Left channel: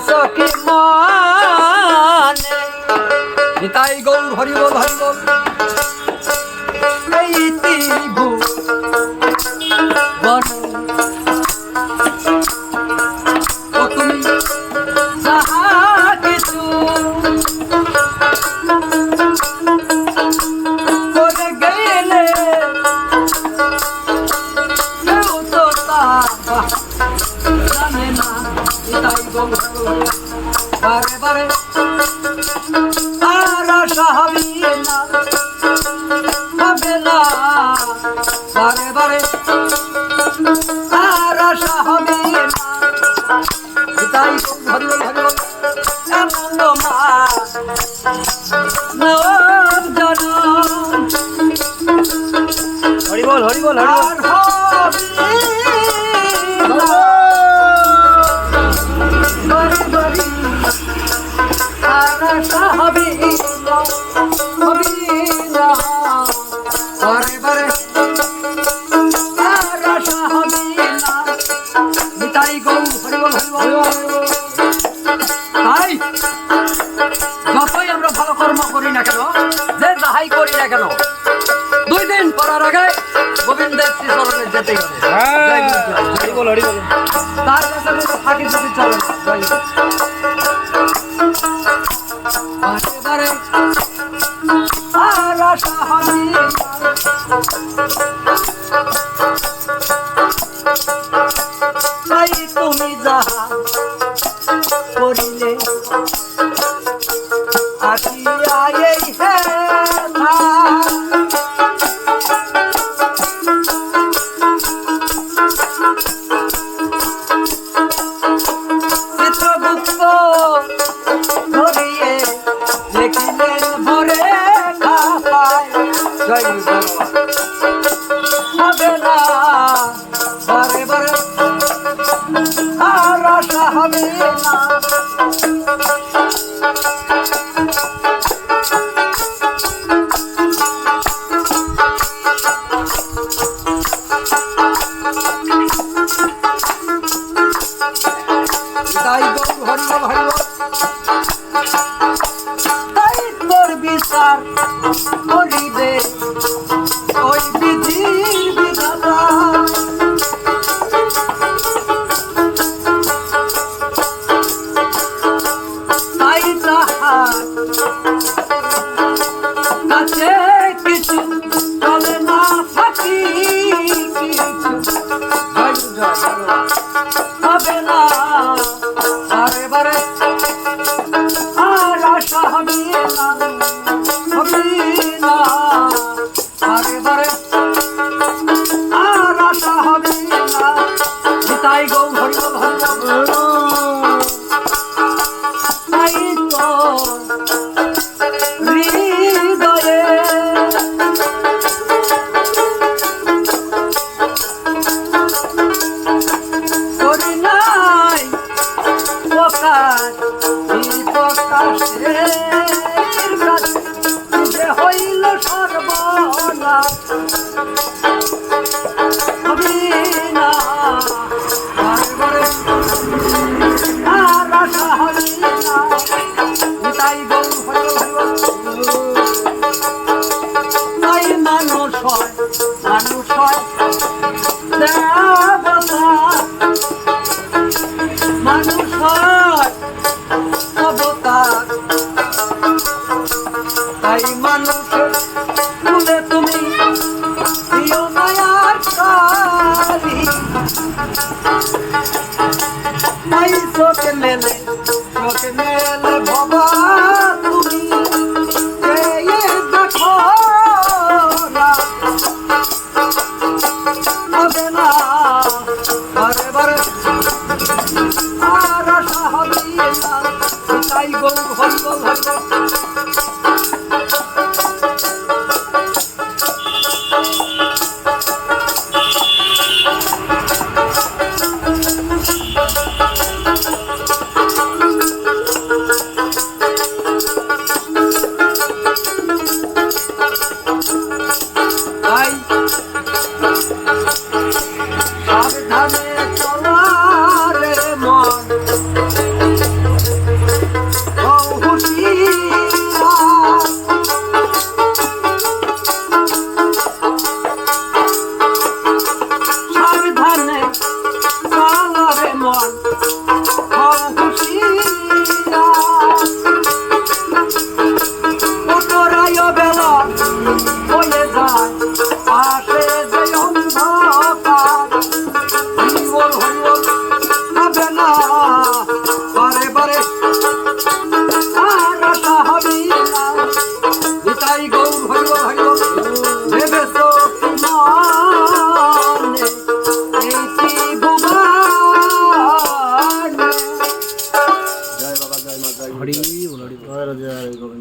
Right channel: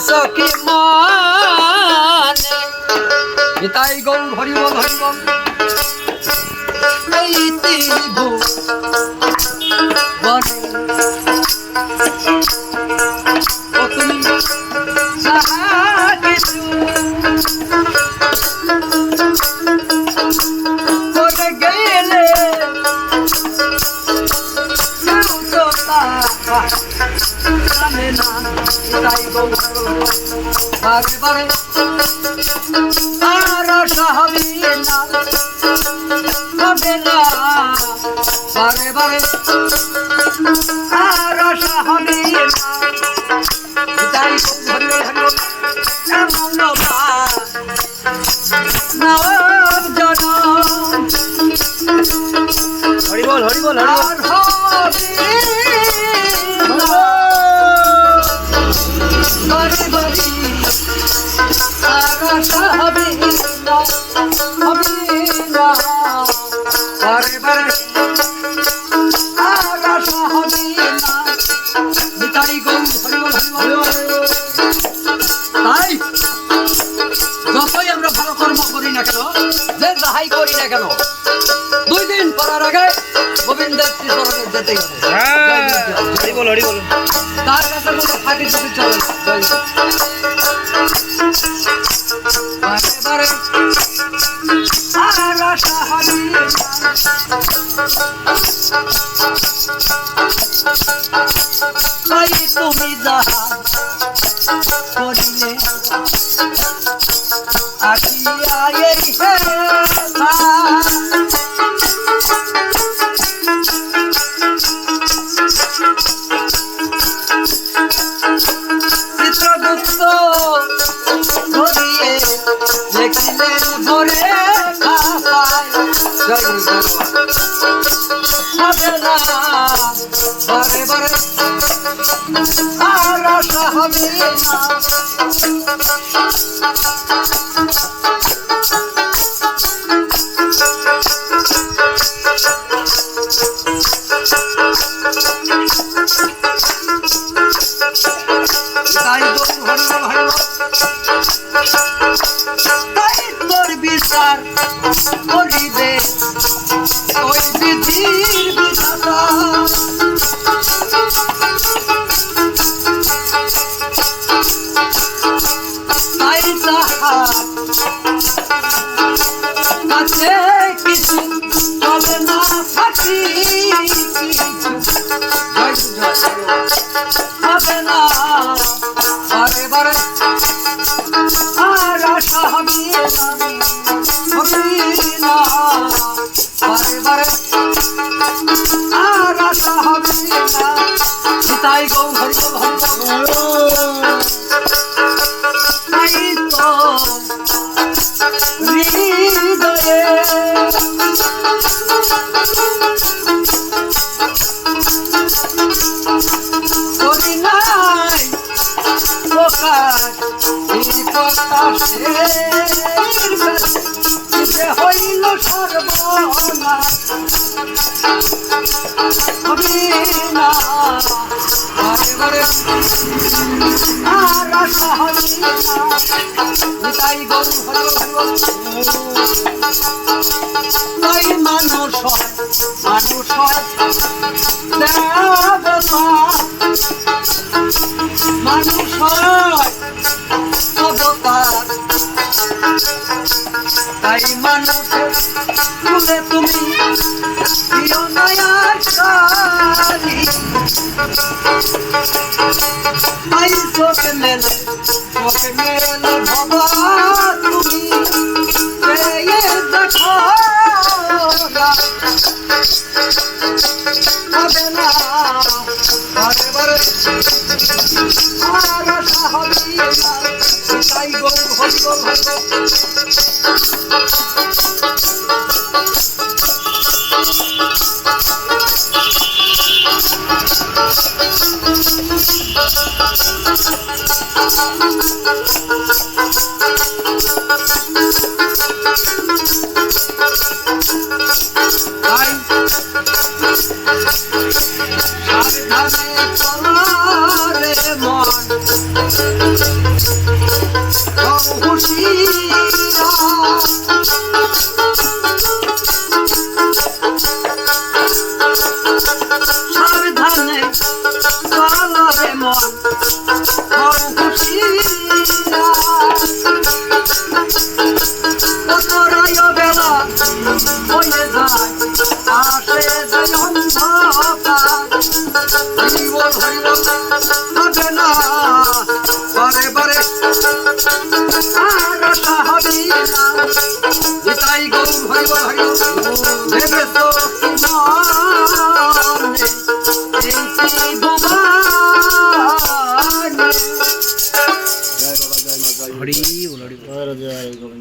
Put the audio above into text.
কি মানে নিতাই গৌর হরি বল হরি বল এই ত্রিভু ও তুমি যাহা কিছু করে গেলে কেউ তো তা জানে না নিতাই গৌর বারে বারে আর আশা হবে না বারে বারে আর আশা হবে না নিতাই গৌর হরি বল হরি বল এমন নব জনম হরি বল হরি বল হরি বল বারে বারে আর আশা হবে না বারে বারে আর আশা হবে না নিতাই গৌর হরি বল হরি বল তাই যতই আমরা ভালো কর্ম করি না কেন যে যাহাই করি না কেন 2 দিন পরার আগে গোবিন্দের শ্রীচরণে যেতেই হবে হরি বল হরি বল তার কাছে কোনো ফাঁকি চুকি চলে না বারে বারে আর আশা হবে না তাই তুমি যাহা করিলে আখিয়া এই হেলা চিত্রগুপ্ত ধরিয়ে লিখিলেন ভরে খাতায় জয় গুরু হবে না বারে বারে আর আশা হবে না তাই গৌর হরি বল হরি বল তাই তোর বিচার করিবে ওই বিধির বিধাতা তাই তাহার কাছে কিছু চলে না ফাঁকি হবে না বারে বারে আর আশা হবে না বারে বারে আর আশা হবে না নিতাই গৌর হরি বল হরি বল তাই তো হৃদয়ে করি নাই প্রকাশ প্রকাশের কাছে যে হইল সর্বনাশ হবে না বারে বারে আর আশা হবে না নিতাই গৌর হরি বল হরি বল তাই মানুষ হয় দেবতা মানুষ হয় অবতার তাই মানুষের তুলে তুমি প্রিয় মায়ার সারি তাই চোখে মেলে বাবা তুমি দেখো না বারে বারে আর আশা হবে না তাই গৌর হরি বল হরি বল সাবধানে চলা রে মন তাই গৌর হরিবল হরিবল ভেবেছো কি মনে